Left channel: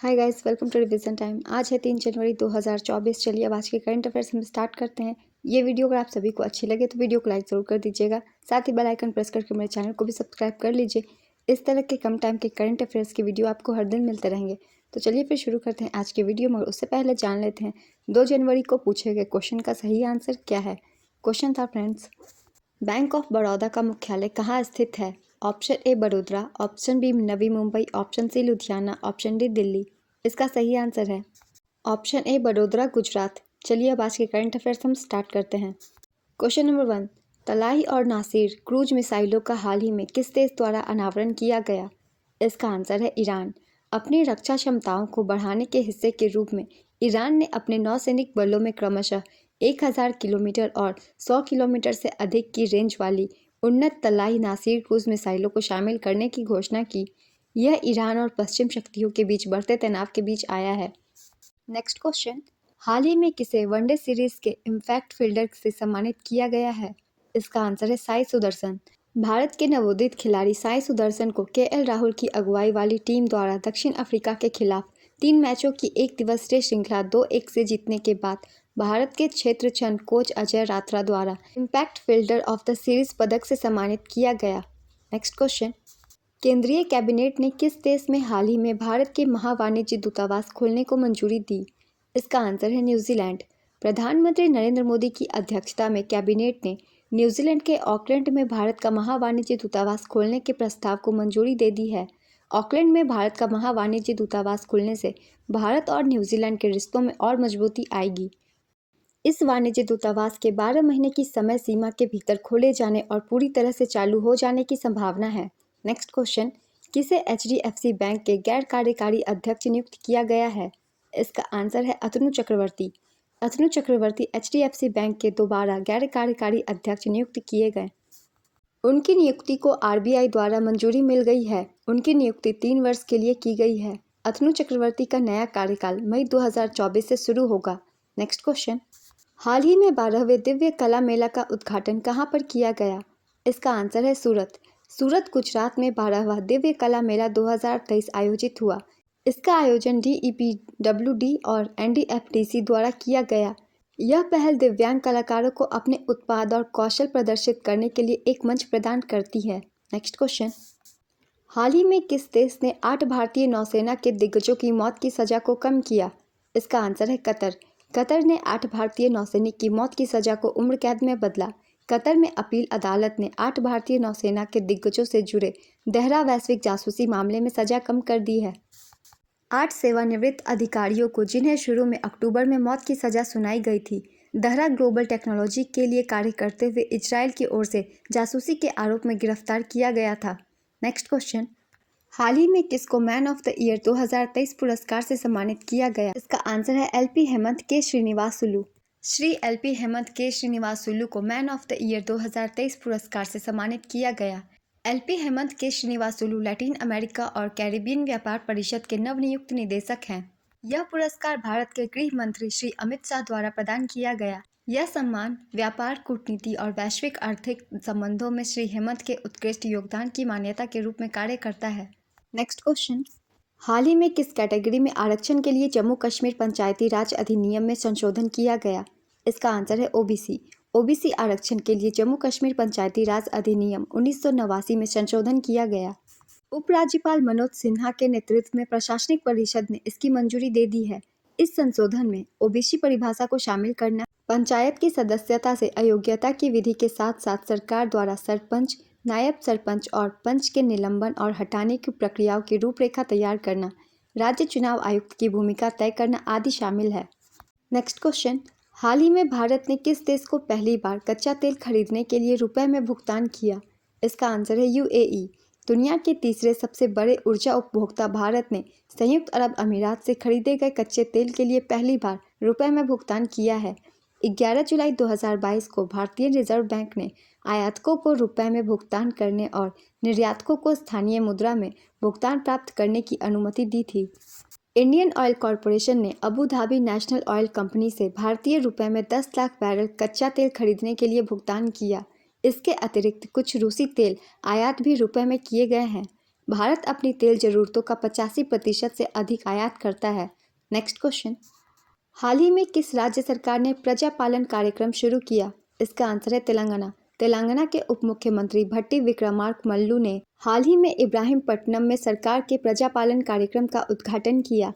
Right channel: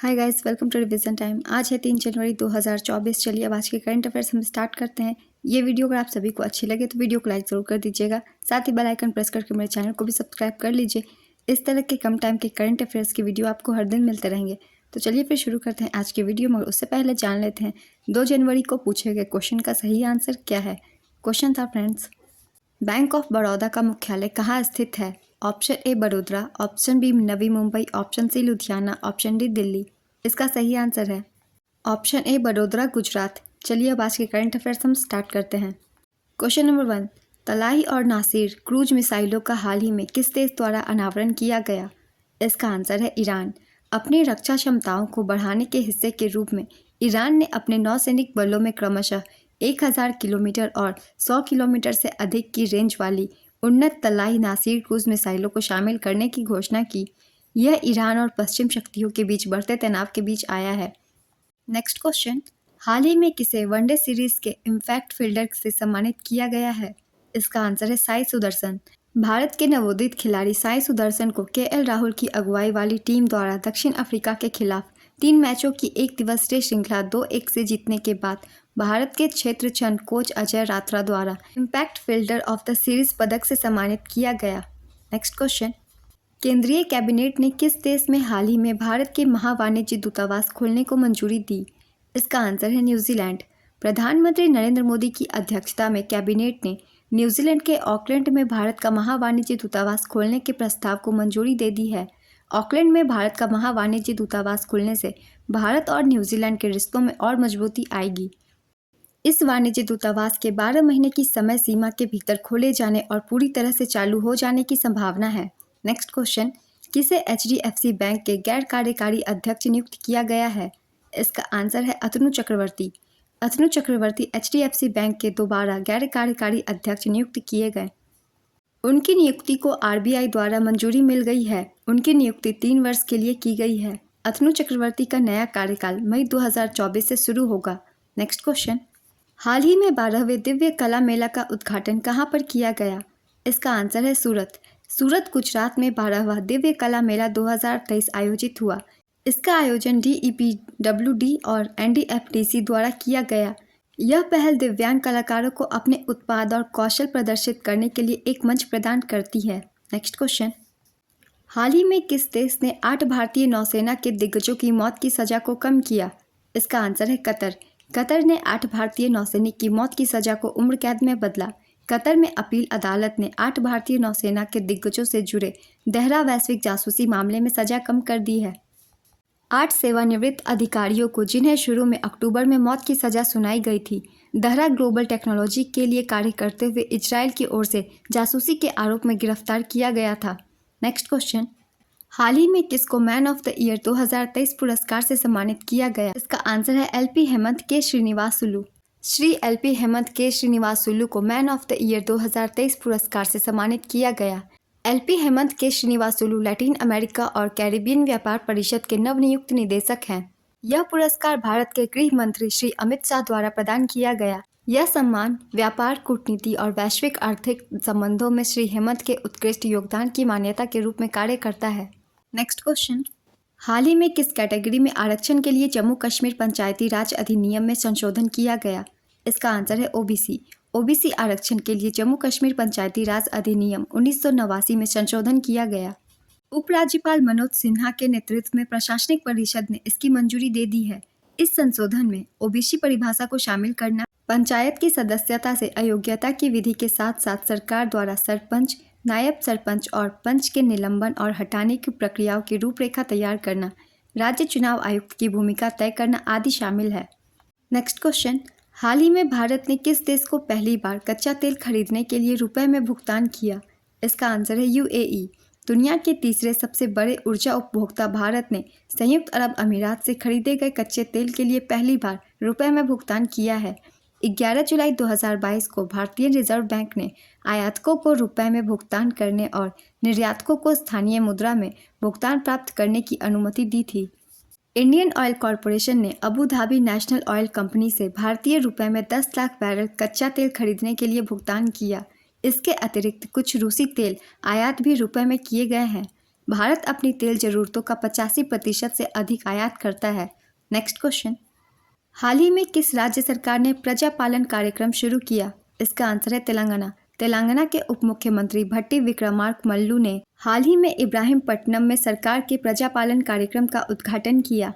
Hi guys, welcome to revision time. आज है 3 जनवरी 2024। चलिए अब आज के करंट अफेयर्स हम स्टार्ट करते हैं। ये वीडियो अगर आप सभी को अच्छी लगे तो वीडियो को लाइक ज़रूर कर दीजिएगा। साथ ही बेल आइकन प्रेस करके मेरे चैनल को भी सब्सक्राइब कर लीजिए। इस तरह के कम टाइम के करंट अफेयर्स की वीडियो आपको हर दिन मिलते रहेंगे। तो चलिए फिर शुरू करते हैं आज की वीडियो, मगर उससे पहले जान लेते हैं 2 जनवरी को पूछे गए क्वेश्चन का सही आंसर क्या है। क्वेश्चन था फ्रेंड्स, बैंक ऑफ बड़ौदा का मुख्यालय कहाँ स्थित है? Option A Vadodara, option B Navi Mumbai, option C Ludhiana, option D Delhi. इसका सही आंसर है ऑप्शन ए बड़ोदरा, गुजरात। चलिए अब आज के करंट अफेयर्स हम स्टार्ट करते हैं। क्वेश्चन नंबर 1, तलाई और नासिर क्रूज मिसाइलों का हाल ही में किस देश द्वारा अनावरण किया गया? इसका आंसर है ईरान। अपनी रक्षा क्षमताओं को बढ़ाने के हिस्से के रूप में ईरान ने अपने नौसैनिक बलों में क्रमशः 1000 किलोमीटर और 100 किलोमीटर से अधिक की रेंज वाली उन्नत तलाई नासिर क्रूज मिसाइलों को शामिल करने की घोषणा की। यह ईरान और पश्चिम शक्तियों के बीच बढ़ते तनाव के बीच आया है। नेक्स्ट क्वेश्चन, हाल ही में किसे वनडे सीरीज के इम्पैक्ट फील्डर से सम्मानित किया गया है? इसका आंसर है साई सुदर्शन। भारत के नवोदित खिलाड़ी साई सुदर्शन को केएल राहुल की अगुवाई वाली टीम द्वारा दक्षिण अफ्रीका के खिलाफ 3 मैचों की एक दिवसीय श्रृंखला 2-1 से जीतने के बाद भारत के क्षेत्र चंद कोच अजय रात्रा द्वारा impact fielder of the series पदक से सम्मानित किया गया। नेक्स्ट क्वेश्चन, केंद्रीय कैबिनेट ने किस देश में हाल ही में भारत के महावाणिज्य दूतावास खोलने को मंजूरी दी? इसका आंसर है न्यूजीलैंड। प्रधानमंत्री नरेंद्र मोदी की अध्यक्षता में कैबिनेट ने न्यूजीलैंड के ऑकलैंड में भारत का महावाणिज्य दूतावास खोलने के प्रस्ताव को मंजूरी दे दी है। ऑकलैंड में भारत का महावाणिज्य दूतावास खुलने से भारत और न्यूजीलैंड के रिश्तों में और मजबूती आएगी। इस वाणिज्य दूतावास के 12 महीने की समय सीमा के भीतर खोले जाने और पूरी तरह से चालू हो जाने की संभावना है। नेक्स्ट क्वेश्चन, किसे एचडीएफसी बैंक के गैर कार्यकारी अध्यक्ष नियुक्त किया गया है? इसका आंसर है अतनु चक्रवर्ती। अतनु चक्रवर्ती एचडीएफसी बैंक के दोबारा गैर कार्यकारी अध्यक्ष नियुक्त किए गए। उनकी नियुक्ति को आरबीआई द्वारा मंजूरी मिल गई है। उनकी नियुक्ति 3 वर्ष के लिए की गई है। अतनु चक्रवर्ती का नया कार्यकाल मई 2024 से शुरू होगा। नेक्स्ट क्वेश्चन, हाल ही में 12वें दिव्य कला मेला का उद्घाटन कहाँ पर किया गया? इसका आंसर है सूरत। सूरत, गुजरात में 12वां दिव्य कला मेला 2023 आयोजित हुआ। इसका आयोजन डीईपीडब्ल्यूडी और एनडीएफडीसी द्वारा किया गया। यह पहल दिव्यांग कलाकारों को अपने उत्पाद और कौशल प्रदर्शित करने के लिए एक मंच प्रदान करती है। नेक्स्ट क्वेश्चन, हाल ही में किस देश ने 8 भारतीय नौसेना के दिग्गजों की मौत की सजा को कम किया? इसका आंसर है कतर। कतर ने 8 भारतीय नौसैनिक की मौत की सजा को उम्र कैद में बदला। कतर में अपील अदालत ने 8 भारतीय नौसेना के दिग्गजों से जुड़े दहरा वैश्विक जासूसी मामले में सजा कम कर दी है। 8 सेवानिवृत्त अधिकारियों को, जिन्हें शुरू में अक्टूबर में मौत की सजा सुनाई गई थी, दहरा ग्लोबल टेक्नोलॉजी के लिए कार्य करते हुए इजराइल की ओर से जासूसी के आरोप में गिरफ्तार किया गया था। नेक्स्ट क्वेश्चन, हाल ही में किसको मैन ऑफ द ईयर 2023 पुरस्कार से सम्मानित किया गया? इसका आंसर है एलपी हेमंत के श्रीनिवासुलु। श्री एलपी हेमंत के श्रीनिवासुलु को मैन ऑफ द ईयर 2023 पुरस्कार से सम्मानित किया गया। एलपी हेमंत के श्रीनिवासुलु लैटिन अमेरिका और कैरिबियन व्यापार परिषद के नवनियुक्त निदेशक हैं। यह पुरस्कार भारत के गृह मंत्री श्री अमित शाह द्वारा प्रदान किया गया। यह सम्मान व्यापार, कूटनीति और वैश्विक आर्थिक संबंधों में श्री हेमंत के उत्कृष्ट योगदान की मान्यता के रूप में कार्य करता है। नेक्स्ट क्वेश्चन, हाल ही में किस कैटेगरी में आरक्षण के लिए जम्मू कश्मीर पंचायती राज अधिनियम में संशोधन किया गया? इसका आंसर है ओबीसी। ओबीसी आरक्षण के लिए जम्मू कश्मीर पंचायती राज अधिनियम 1989 में संशोधन किया गया। उपराज्यपाल मनोज सिन्हा के नेतृत्व में प्रशासनिक परिषद ने इसकी मंजूरी दे दी है। इस संशोधन में ओबीसी परिभाषा को शामिल करना, पंचायत की सदस्यता से अयोग्यता की विधि के साथ साथ सरकार द्वारा सरपंच, नायब सरपंच और पंच के निलंबन और हटाने की प्रक्रियाओं की रूपरेखा तैयार करना, राज्य चुनाव आयुक्त की भूमिका तय करना आदि शामिल है। नेक्स्ट क्वेश्चन, हाल ही में भारत ने किस देश को पहली बार कच्चा तेल खरीदने के लिए रुपए में भुगतान किया? इसका आंसर है यूएई। दुनिया के तीसरे सबसे बड़े ऊर्जा उपभोक्ता भारत ने संयुक्त अरब अमीरात से खरीदे गए कच्चे तेल के लिए पहली बार रुपए में भुगतान किया है। 11 जुलाई 2022 को भारतीय रिजर्व बैंक ने आयातकों को रुपए में भुगतान करने और निर्यातकों को स्थानीय मुद्रा में भुगतान प्राप्त करने की अनुमति दी थी। इंडियन ऑयल कॉरपोरेशन ने Abu Dhabi national oil company से भारतीय रुपए में 10 लाख बैरल कच्चा तेल खरीदने के लिए भुगतान किया। इसके अतिरिक्त कुछ रूसी तेल आयात भी रुपए में किए गए हैं। भारत अपनी तेल जरूरतों का 85% से अधिक आयात करता है। नेक्स्ट क्वेश्चन, हाल ही में किस राज्य सरकार ने प्रजा पालन कार्यक्रम शुरू किया? इसका आंसर है तेलंगाना। तेलंगाना के उप मुख्यमंत्री भट्टी विक्रमार्क मल्लू ने हाल ही में इब्राहिमपट्टनम में सरकार के प्रजा पालन कार्यक्रम का उद्घाटन किया।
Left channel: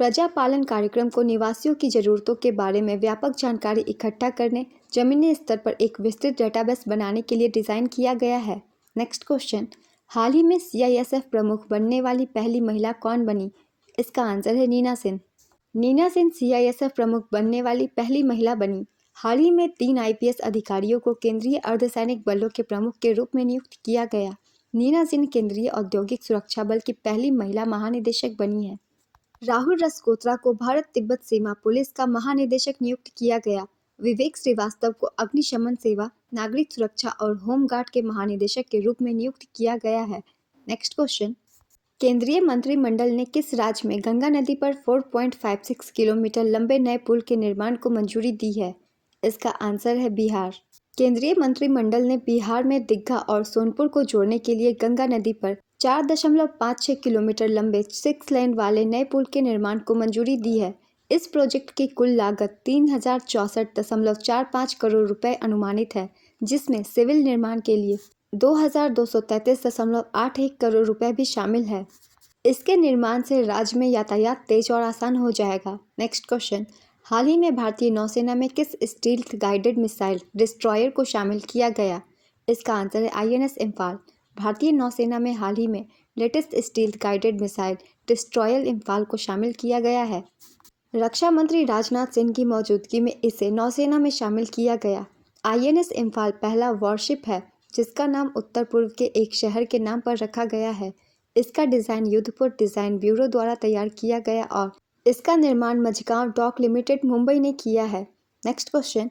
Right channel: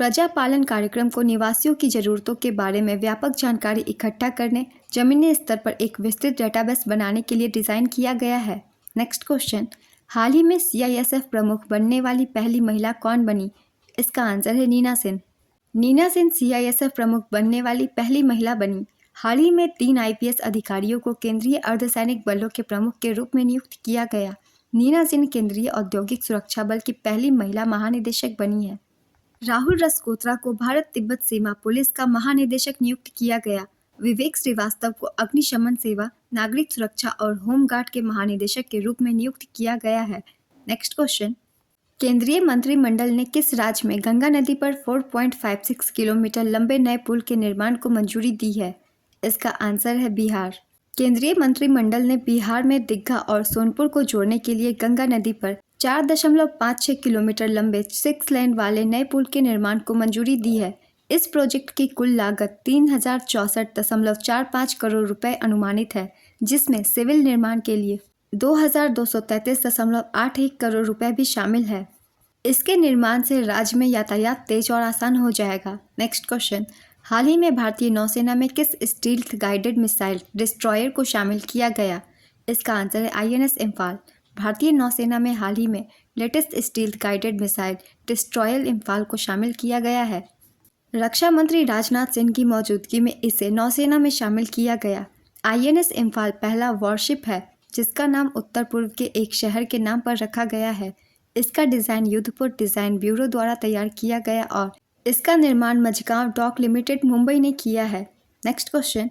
प्रजा पालन कार्यक्रम को निवासियों की ज़रूरतों के बारे में व्यापक जानकारी इकट्ठा करने, जमीनी स्तर पर एक विस्तृत डेटाबेस बनाने के लिए डिज़ाइन किया गया है। नेक्स्ट क्वेश्चन, हाल ही में CISF प्रमुख बनने वाली पहली महिला कौन बनी? इसका आंसर है नीना सेन। नीना सेन CISF प्रमुख बनने वाली पहली महिला बनी। हाल ही में 3 IPS अधिकारियों को केंद्रीय अर्धसैनिक बलों के प्रमुख के रूप में नियुक्त किया गया। नीना सेन केंद्रीय औद्योगिक सुरक्षा बल की पहली महिला महानिदेशक बनी है। राहुल रसकोत्रा को भारत तिब्बत सीमा पुलिस का महानिदेशक नियुक्त किया गया। विवेक श्रीवास्तव को अग्निशमन सेवा, नागरिक सुरक्षा और होमगार्ड के महानिदेशक के रूप में नियुक्त किया गया है। नेक्स्ट क्वेश्चन, केंद्रीय मंत्रिमंडल ने किस राज्य में गंगा नदी पर 4.56 किलोमीटर लंबे नए पुल के निर्माण को मंजूरी दी है? इसका आंसर है बिहार। केंद्रीय मंत्रिमंडल ने बिहार में दीघा और सोनपुर को जोड़ने के लिए गंगा नदी पर 4.56 किलोमीटर लंबे 6 लेन वाले नए पुल के निर्माण को मंजूरी दी है। इस प्रोजेक्ट की कुल लागत 3064.45 करोड़ रुपए अनुमानित है, जिसमें सिविल निर्माण के लिए 2233.81 करोड़ रुपए भी शामिल है। इसके निर्माण से राज्य में यातायात तेज और आसान हो जाएगा। नेक्स्ट क्वेश्चन, हाल ही में भारतीय नौसेना में किस स्टील्थ गाइडेड मिसाइल डिस्ट्रॉयर को शामिल किया गया? इसका आंसर है INS इम्फाल। भारतीय नौसेना में हाल ही में latest stealth guided missile destroyer Imphal को शामिल किया गया है। रक्षा मंत्री राजनाथ सिंह की मौजूदगी में इसे नौसेना में शामिल किया गया। INS इम्फाल पहला वॉरशिप है जिसका नाम उत्तर पूर्व के एक शहर के नाम पर रखा गया है। इसका डिज़ाइन युद्धपोत डिज़ाइन ब्यूरो द्वारा तैयार किया गया और इसका निर्माण मझगांव डॉक लिमिटेड मुंबई ने किया है। नेक्स्ट क्वेश्चन,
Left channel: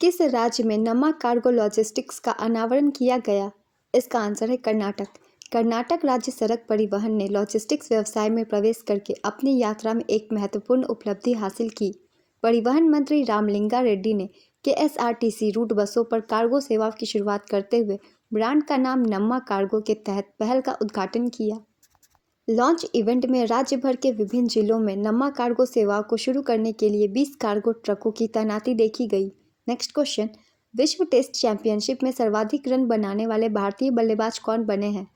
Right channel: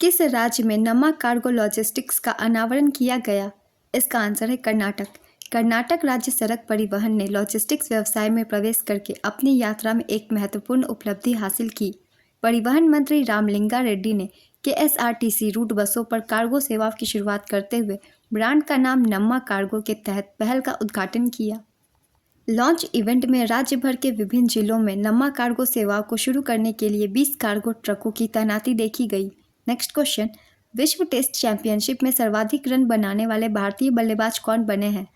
किस राज्य में नमा कार्गो लॉजिस्टिक्स का अनावरण किया गया? इसका आंसर है कर्नाटक। कर्नाटक राज्य सड़क परिवहन ने लॉजिस्टिक्स व्यवसाय में प्रवेश करके अपनी यात्रा में एक महत्वपूर्ण उपलब्धि हासिल की। परिवहन मंत्री रामलिंगा रेड्डी ने KSRTC रूट बसों पर कार्गो सेवाओं की शुरुआत करते हुए ब्रांड का नाम नम्मा कार्गो के तहत पहल का उद्घाटन किया। लॉन्च इवेंट में राज्य भर के विभिन्न जिलों में नम्मा कार्गो सेवाओं को शुरू करने के लिए 20 कार्गो ट्रकों की तैनाती देखी गई। नेक्स्ट क्वेश्चन, विश्व टेस्ट चैंपियनशिप में सर्वाधिक रन बनाने वाले भारतीय बल्लेबाज कौन बने हैं?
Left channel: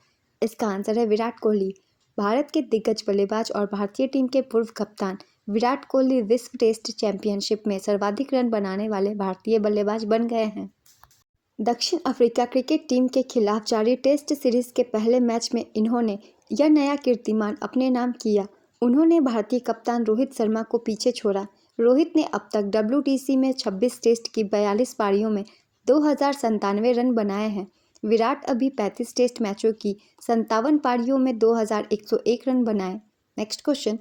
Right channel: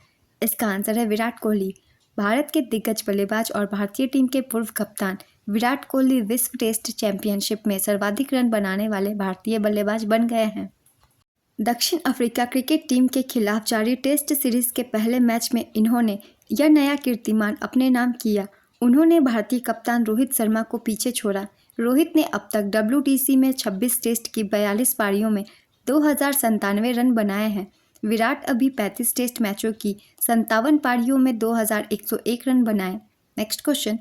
इसका आंसर है विराट कोहली। भारत के दिग्गज बल्लेबाज और भारतीय टीम के पूर्व कप्तान विराट कोहली विश्व टेस्ट चैंपियनशिप में सर्वाधिक रन बनाने वाले भारतीय बल्लेबाज बन गए हैं। दक्षिण अफ्रीका क्रिकेट टीम के खिलाफ जारी टेस्ट सीरीज के पहले मैच में इन्होंने यह नया कीर्तिमान अपने नाम किया। उन्होंने भारतीय कप्तान रोहित शर्मा को पीछे छोड़ा। रोहित ने अब तक WTC में 26 टेस्ट की 42 पारियों में 2097 रन बनाए हैं। विराट अभी 35 टेस्ट मैचों की 57 पारियों में 2101 रन बनाए। नेक्स्ट क्वेश्चन,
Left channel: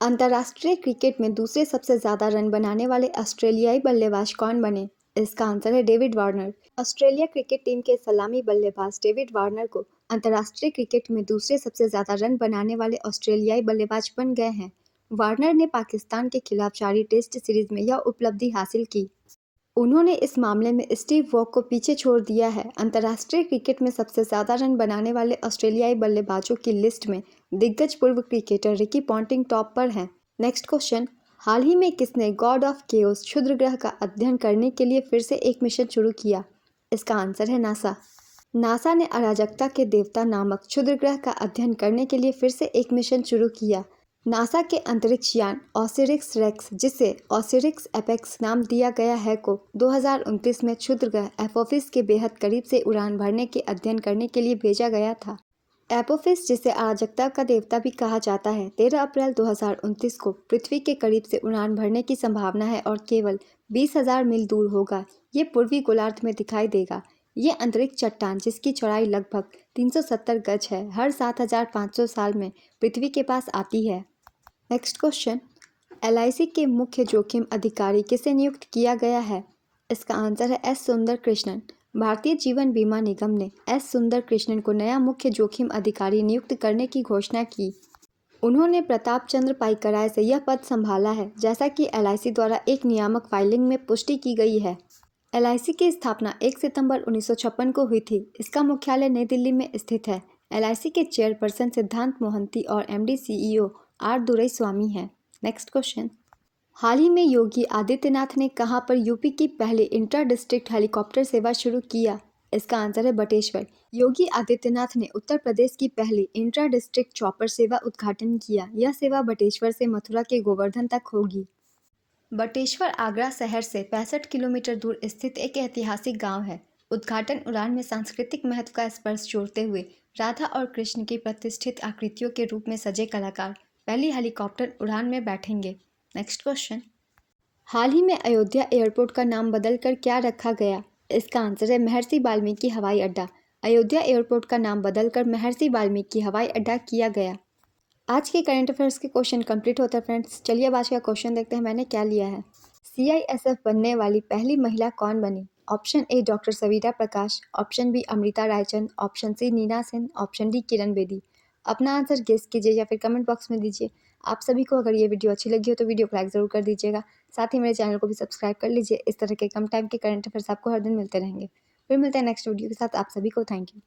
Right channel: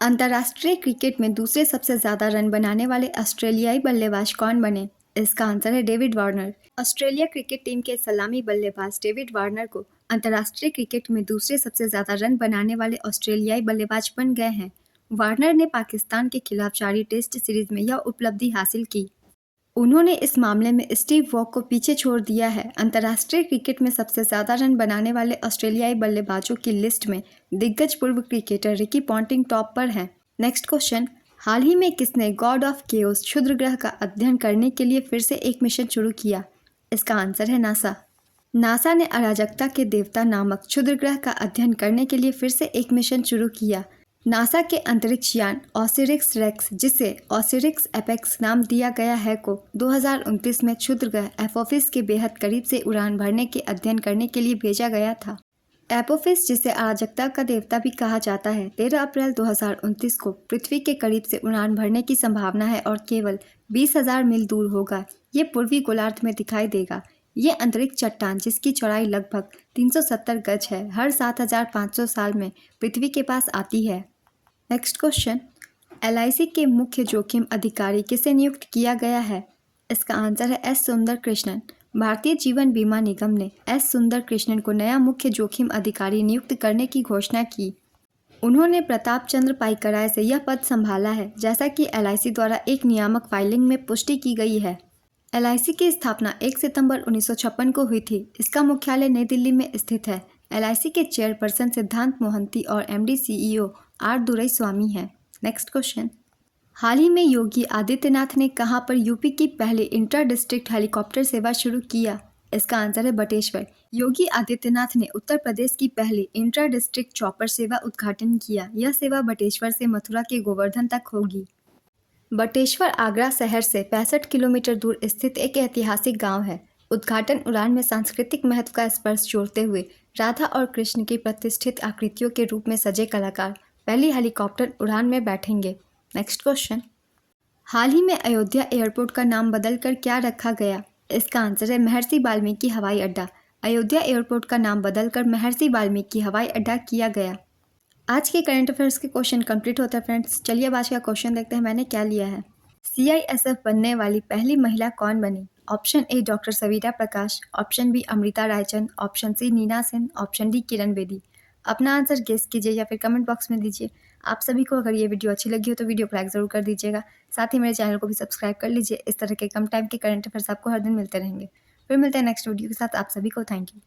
अंतर्राष्ट्रीय क्रिकेट में दूसरे सबसे ज़्यादा रन बनाने वाले ऑस्ट्रेलियाई बल्लेबाज कौन बने? इसका आंसर है David Warner. Australia cricket team के सलामी बल्लेबाज डेविड वार्नर को अंतर्राष्ट्रीय क्रिकेट में दूसरे सबसे ज़्यादा रन बनाने वाले ऑस्ट्रेलियाई बल्लेबाज बन गए हैं। वार्नर ने पाकिस्तान के खिलाफ जारी टेस्ट सीरीज में यह उपलब्धि हासिल की। उन्होंने इस मामले में स्टीव वॉक को पीछे छोड़ दिया है। अंतर्राष्ट्रीय क्रिकेट में सबसे ज़्यादा रन बनाने वाले ऑस्ट्रेलियाई बल्लेबाजों की लिस्ट में दिग्गज पूर्व क्रिकेटर रिकी पॉन्टिंग टॉप पर हैं। नेक्स्ट क्वेश्चन, हाल ही में किसने गॉड ऑफ केओस क्षुद्र ग्रह का अध्ययन करने के लिए फिर से एक मिशन शुरू किया? इसका आंसर है नासा। नासा ने अराजकता के देवता नामक क्षुद्र ग्रह का अध्ययन करने के लिए फिर से एक मिशन शुरू किया। नासा के अंतरिक्ष यान ऑसिरिस रेक्स, जिसे ऑसिरिस एपेक्स नाम दिया गया है, को 2029 में क्षुद्र ग्रह एपोफिस के बेहद करीब से उड़ान भरने के अध्ययन करने के लिए भेजा गया था। एपोफिस, जिसे अराजकता का देवता भी कहा जाता है, 13 अप्रैल 2029 को पृथ्वी के करीब से उड़ान भरने की संभावना है और केवल 20,000 मील दूर होगा। ये पूर्वी गोलार्ध में दिखाई देगा। ये अंतरिक्ष चट्टान, जिसकी चौड़ाई लगभग 370 गज है, हर 7,500 साल में पृथ्वी के पास आती है। नेक्स्ट क्वेश्चन, LIC के मुख्य जोखिम अधिकारी किसे नियुक्त किया गया है? इसका आंसर है S सुंदर कृष्णन। भारतीय जीवन बीमा निगम ने S सुंदर कृष्णन को नया मुख्य जोखिम अधिकारी नियुक्त करने की घोषणा की। उन्होंने प्रताप चंद्र पाईकराय से यह पद संभाला है, जैसा कि LIC द्वारा एक नियामक फाइलिंग में पुष्टि की गई है। LIC की स्थापना 1 सितंबर 1956 को हुई थी। इसका मुख्यालय नई दिल्ली में स्थित है। एलआईसी के चेयरपर्सन सिद्धांत मोहंती और एमडी सीईओ आर दुरईस्वामी हैं। नेक्स्ट क्वेश्चन, हाल ही में योगी आदित्यनाथ ने कहां पर यूपी की पहली इंट्रा डिस्ट्रिक्ट हेलीकॉप्टर सेवा शुरू किया? इसका आंसर है बटेश्वर। योगी आदित्यनाथ ने उत्तर प्रदेश की पहली इंट्रा डिस्ट्रिक्ट चॉपर सेवा उद्घाटन किया। यह सेवा बटेश्वर से मथुरा के गोवर्धन तक होगी। बटेश्वर आगरा शहर से 65 किलोमीटर दूर स्थित एक ऐतिहासिक गांव है। उद्घाटन उड़ान में सांस्कृतिक महत्व का स्पर्श जोड़ते हुए राधा और कृष्ण की प्रतिष्ठित आकृतियों के रूप में सजे कलाकार पहली हेलीकॉप्टर उड़ान में बैठेंगे। नेक्स्ट क्वेश्चन, हाल ही में अयोध्या एयरपोर्ट का नाम बदलकर क्या रखा गया? इसका आंसर है महर्षि वाल्मीकि हवाई अड्डा। अयोध्या एयरपोर्ट का नाम बदलकर महर्षि वाल्मीकि हवाई अड्डा किया गया। आज के करंट अफेयर्स के क्वेश्चन कंप्लीट होता है फ्रेंड्स। चलिए अब आज का क्वेश्चन देखते हैं मैंने क्या लिया है। सीआईएसएफ बनने वाली पहली महिला कौन बनी? Option A doctor Savira Prakash, option B Amrita Raichand, option C Nina Sen, option D Kiran Bedi. अपना आंसर गेस कीजिए या फिर कमेंट बॉक्स में दीजिए। आप सभी को अगर ये वीडियो अच्छी लगी हो तो वीडियो को लाइक ज़रूर कर दीजिएगा। साथ ही मेरे चैनल को भी सब्सक्राइब कर लीजिए। इस तरह के कम टाइम के करंट अफेयर्स आपको हर दिन मिलते रहेंगे। फिर मिलते हैं नेक्स्ट वीडियो के साथ। आप सभी को थैंक यू।